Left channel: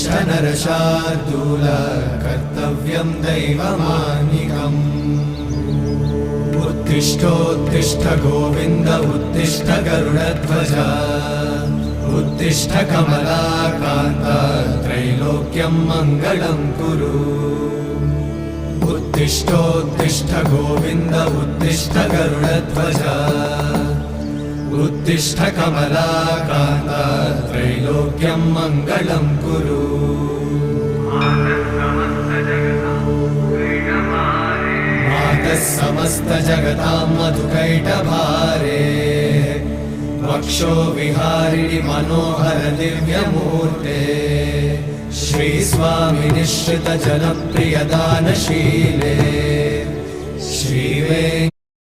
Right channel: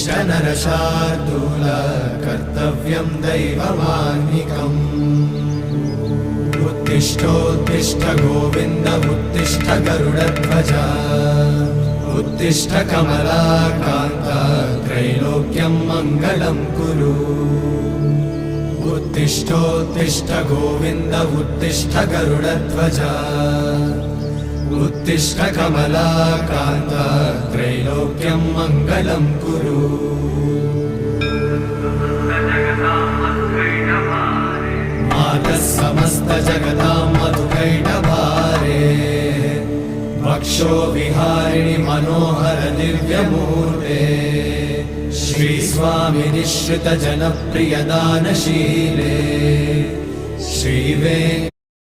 उत्तिष्ठ नरशार्दूल कर्तव्यं दैवमाह्निकम् उत्तिष्ठोत्तिष्ठ गोविन्द उत्तिष्ठ गरुडध्वज उत्तिष्ठ कमलाकान्त त्रैलोक्यं मङ्गलं कुरु उत्तिष्ठोत्तिष्ठ गोविन्द उत्तिष्ठ गरुडध्वज उत्तिष्ठ कमलाकान्त त्रैलोक्यं मङ्गलं कुरु मातः समस्त जगतां मधुकैटभारे वक्षो विहारिणि मनोहर दिव्यमूर्ते श्रीस्वामि निश्रित जनप्रिय दानशीले श्रीवे